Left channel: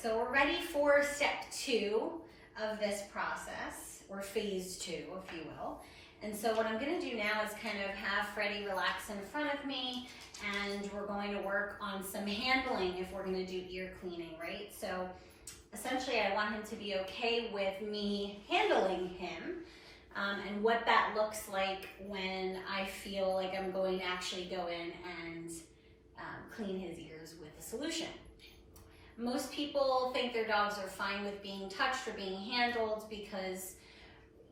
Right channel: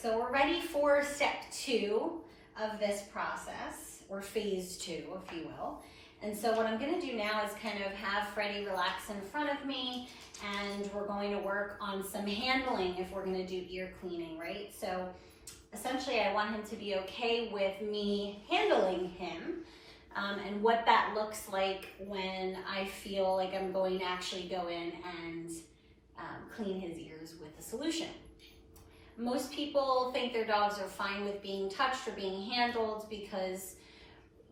so we're ready for step 2 of this process, or phase 2, if you will. And so what I'm gonna do now is kind of have Freddie relax in front of me, and we're going to work on some handling if we're gonna do ear cleaning, right? So essentially I want him to be okay with me handling him, and what that looks like when I feel like I'm going to actually go in and clean his ears with a solution. Most people think their dogs are fine with being touched or being handled because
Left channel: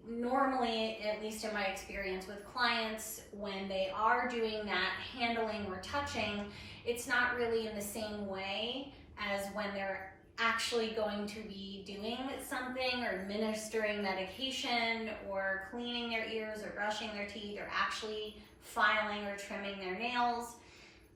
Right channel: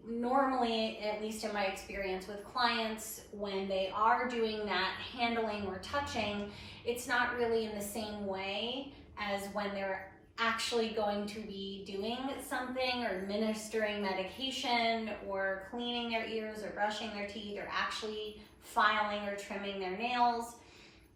normally, at least in my experience with clients, when they are doing that handling or touching, it's not really in the same way as when they're actually going to be doing something or administering medication or cleaning their ears or brushing their teeth or actually filing or trimming their nails.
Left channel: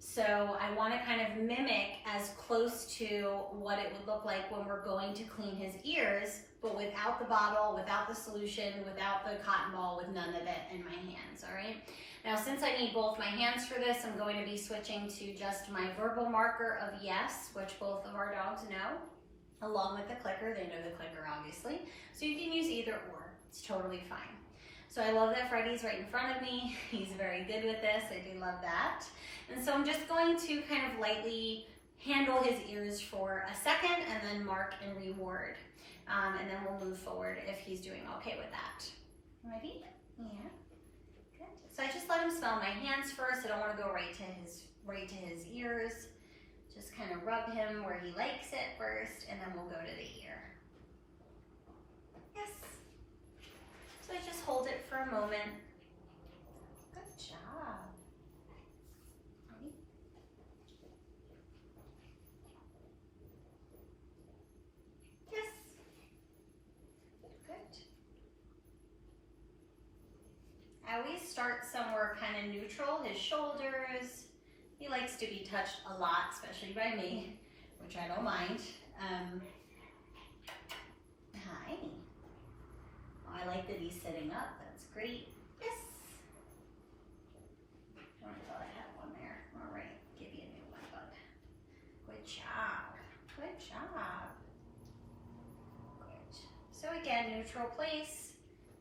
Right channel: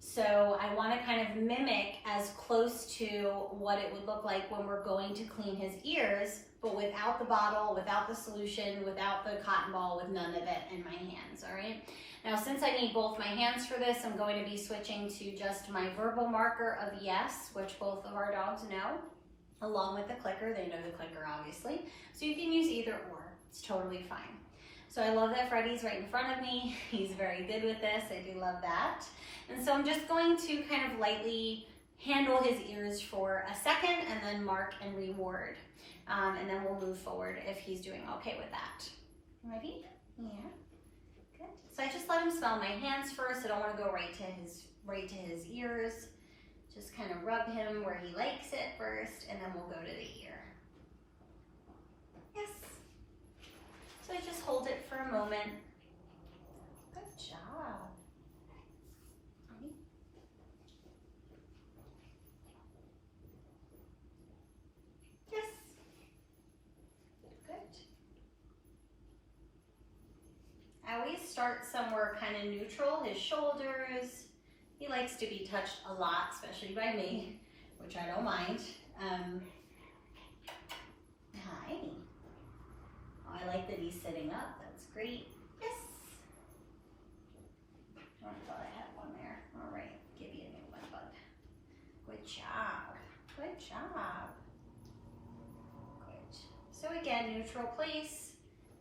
So I want to kind of mimic as close to what it would look like when we're going to clean his ears, but without the bottle, without the solution, without the cotton ball, with none of it in my hands, all right? Now, since I need both my hands for this, I'm going to be switching to just my verbal marker of yes, which both of our dogs know, along with the clicker. They know the clicker, obviously. So you can use either or, it's totally fine. So I love that Freddie's right in front of me. He's very good with this, I do love that. And so I'm just going to kind of lightly handle his ears for a second and then mark and reward. And then we'll move forward if he's doing okay with that. Ready? Yeah, good. So I just let him smell my hands first. I don't want to go right to his ears. Just kind of rub him where he likes it first, and then we'll go to the ear. Yes. So I just hold it for a moment. Good job. Ready? Yes. Good. I always start somewhere kind of neutral, his shoulders. He likes to be touched a lot, especially by me, which I don't mind. Hi. Oh, I like that he's sitting up. That's great. Yes. Oh, I thought I had one there. All right, give you a new one, bud. Good job. Good job. Good. So again, neutral place.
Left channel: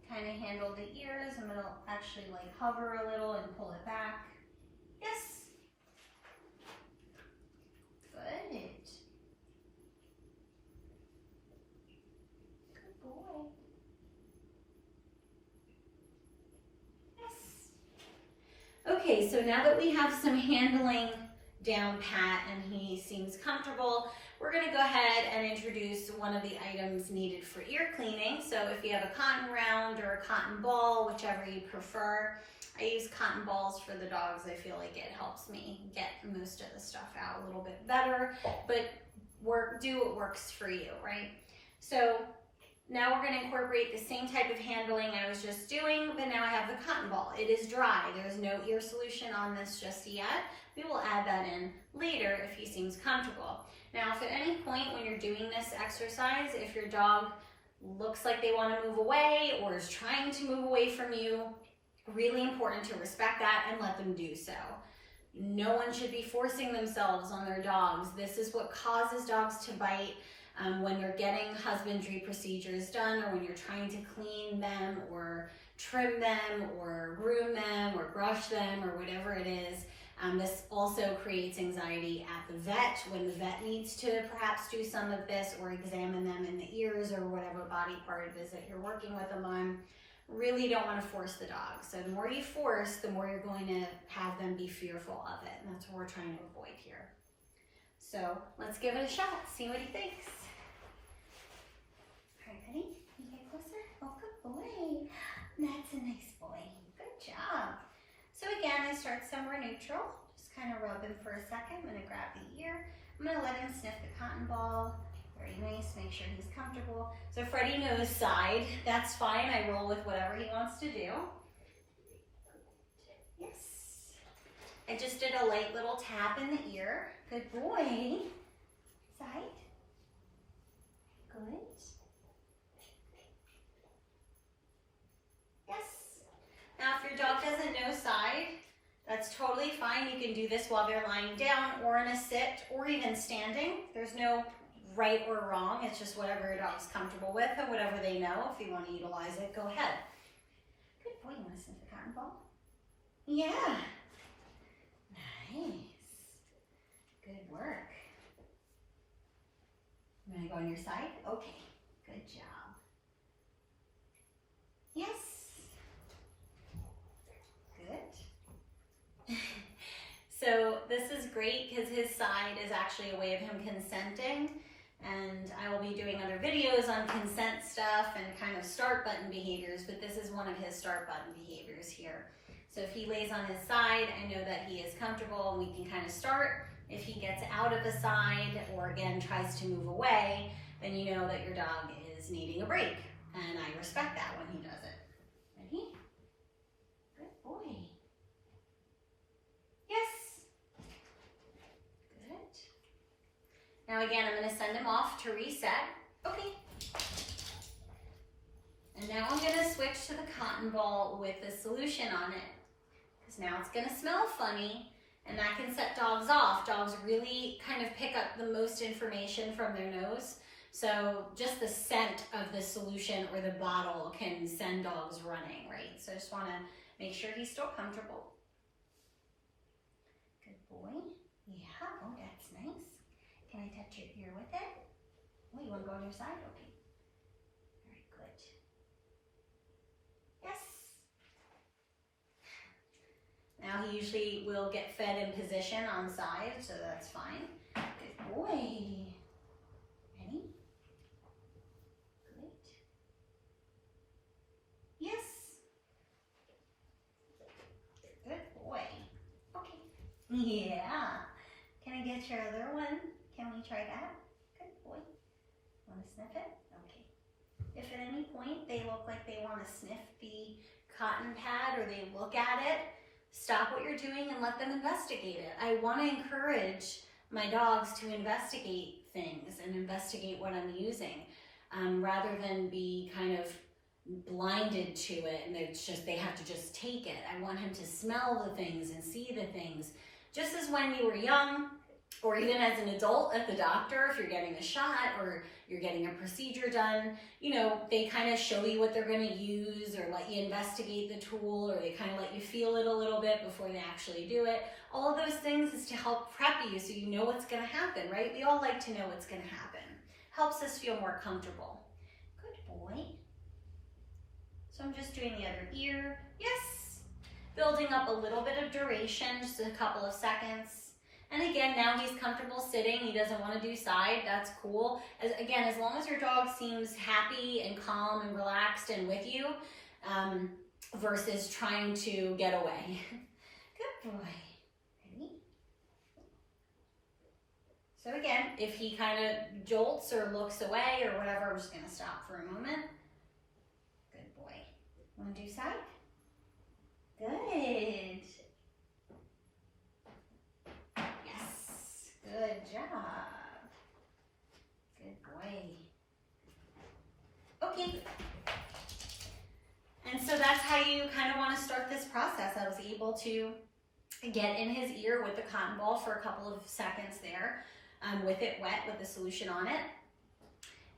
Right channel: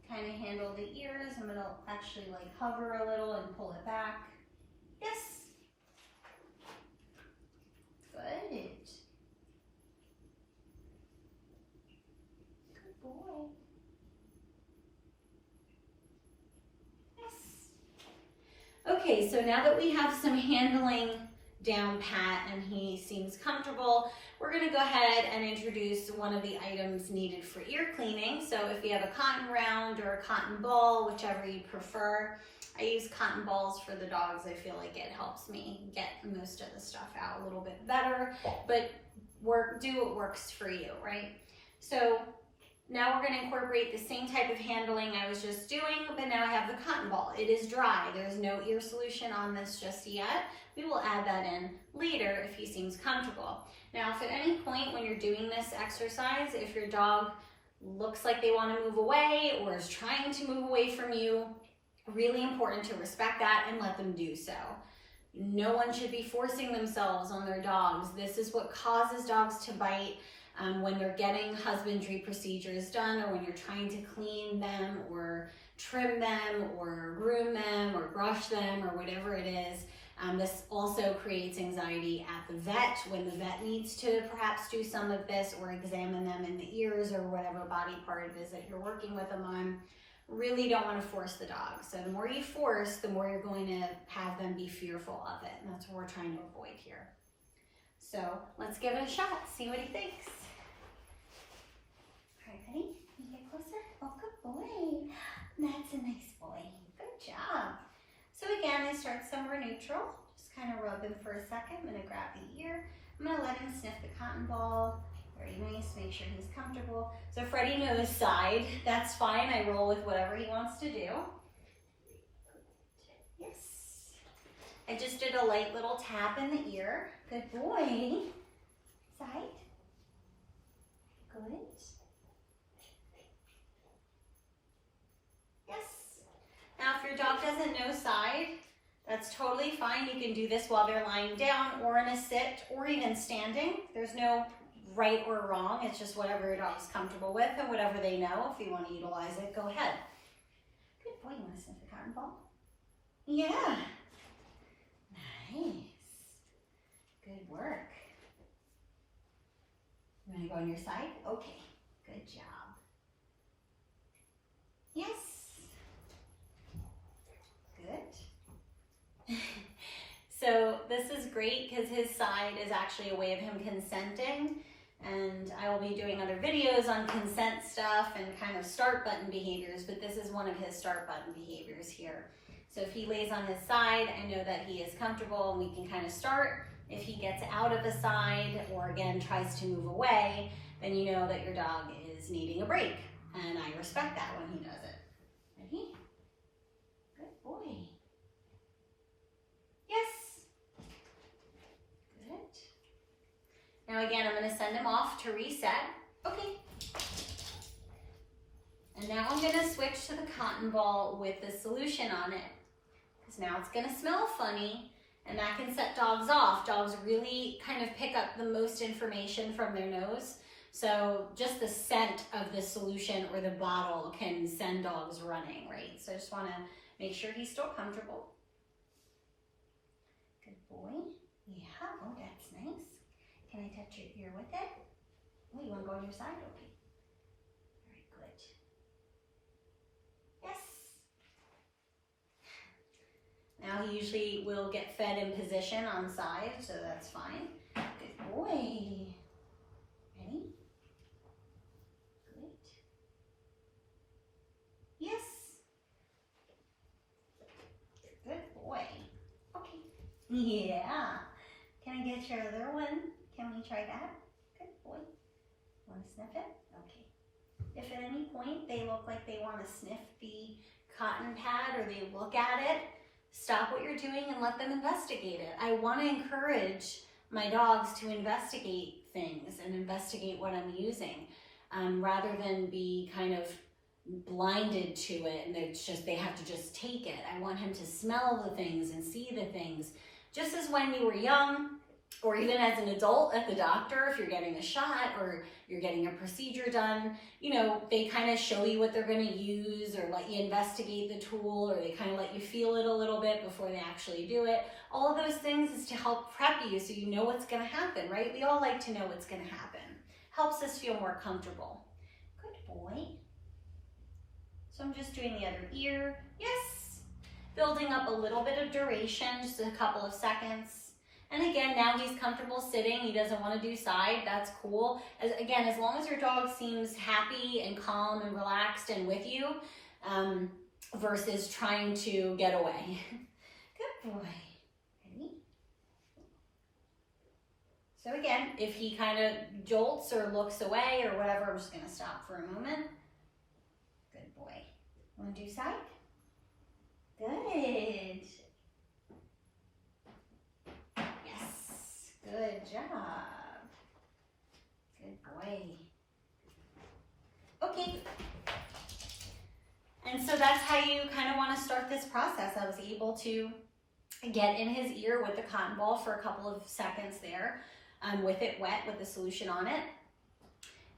Kind of handle the ears. I'm gonna actually like hover a little and pull it back. Yes. Good. Good boy. Yes. Okay, so now that we have some handling down pat and he seems comfortable, we're going to go ahead and introduce one of the items needed for ear cleaning. So if you have a cotton round or a cotton ball, whichever you prefer. I use cotton balls for the dogs. I feel like it helps me get most of the stuff out a little bit better, but do what works for you, right? So now we're going to incorporate the same type of handling I was just doing, but now I have the cotton ball. It is dry. There's no ear solution on this just yet. We will add that in later if he seems comfortable. Now, if at any point when you're doing this exercise, if your dog looks like they want to move away or is trying to move away from you, really important to respect that and let them do so. No one should be forcing themselves on their dogs. This is what causes dogs to bite when they're getting husbandry procedures done, or when you're trying to clean them or trim them or groom them or brush them or whatever it is. This also creates anxiety at the vet when the vet needs to perhaps do some of this or examine them in the ears or whatever body part it is that you're working with them on. Really don't want to force the dog. So the more you force, the more you're going to have them be fearful of it. And that's what we're trying to avoid here. So let's give it a shot, see what he thinks. All right, honey, can you get closer? Oh, good boy. That's a nice boy. Good job. So again, I start somewhere neutral. Just kind of rub him for a second. I'm going to grab the ear. I'm going to let him sniff the cotton ball. Very nice, make sure he's comfortable. So Freddie knows side, that's fine. I roll with whatever he wants to do. Yes. I just did a light little tap in the ear. Good boy. Side. Good. Yes. Now if your dog doesn't know side, that's totally fine. You can do this while they're lying down or in a sit or even standing. There's no right or wrong. It's just whatever your dog's comfortable with and whatever they know. If you want to utilize it, go ahead. Good boy. You want to sniff the cotton ball? Yeah. Nice. Good work. You want to go on your side? Okay. Good job. Yes. Good. So this is great because his side is actually a way of him consenting, and I will be doing other videos on consent stuff and kind of start button behaviors, but this is one of his start button behaviors here. So if he lays on his side, I know that he is comfortable and we can kind of start. If he gets out of the side or again tries to move away, then you know that your dog is needing a break, and I respect that when he does it. Ready? Good boy. Yes. Now again, I'm going to send him off to reset. Okay. And now I'm going to switch to the cotton ball with the solution on it. Because now it's going to smell funny, and that can set dogs off. Dogs really kind of pick up the most information from their nose. So just the scent of the solution or the bottle can send dogs running, right? So I just want to make sure he's still comfortable. Good boy. Yeah, oh, that's nice. Can I touch your ear with it? Oh, you want to go on your side? Okay. All right, good. Yes. Now he usually will get fed in position on side, so that's fine. Good boy. Ready? Good. Yes. Good boy. Okay. Yeah. Can I get your other one? Can we try that? Good boy. Want to sniff it? Okay. If at any point they look like they want to sniff the cotton pad or they look at it, stop what you're doing and let them investigate it. I want to encourage my dogs to investigate things and investigate what I'm using, rather than be kind of blinded to it and it's just they have to just take it. I want him to smell the things and see the things. Just as when we were young, or even as an adult at the doctor, if you're getting a shot or you're getting a procedure done, you know, they kind of show you what they're going to use or let you investigate the tool, or they kind of let you feel it a little bit before they actually do it. All of those things is to help prep you so you know what's going to happen, right? We all like to know what's going to happen. Helps us feel more comfortable. Good boy. So I'm just doing the other ear. Yes. Building up a little bit of duration, just a couple of seconds. And again, now he's comfortable sitting. He doesn't want to do side. That's cool. Again, as long as your dog seems happy and calm and relaxed and with you, versus trying to get away. Good boy. Ready? So again, if he kind of jolts or looks away or whatever, we're just going to stop for a moment. Good boy. Want to do side? Good. Yes. Good job. Good boy. Okay. And so that's how you kind of want to start this process. I was able to get in his ear with the cotton ball for a couple of seconds there, with it wet with the solution on it.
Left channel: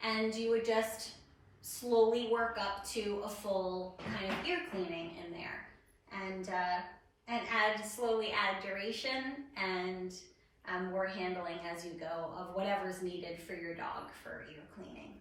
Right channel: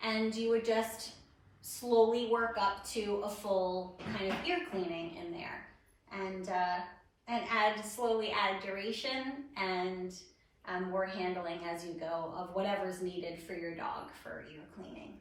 And you would just slowly work up to a full kind of ear cleaning in there. And slowly add duration and more handling as you go of whatever's needed for your dog for ear cleaning.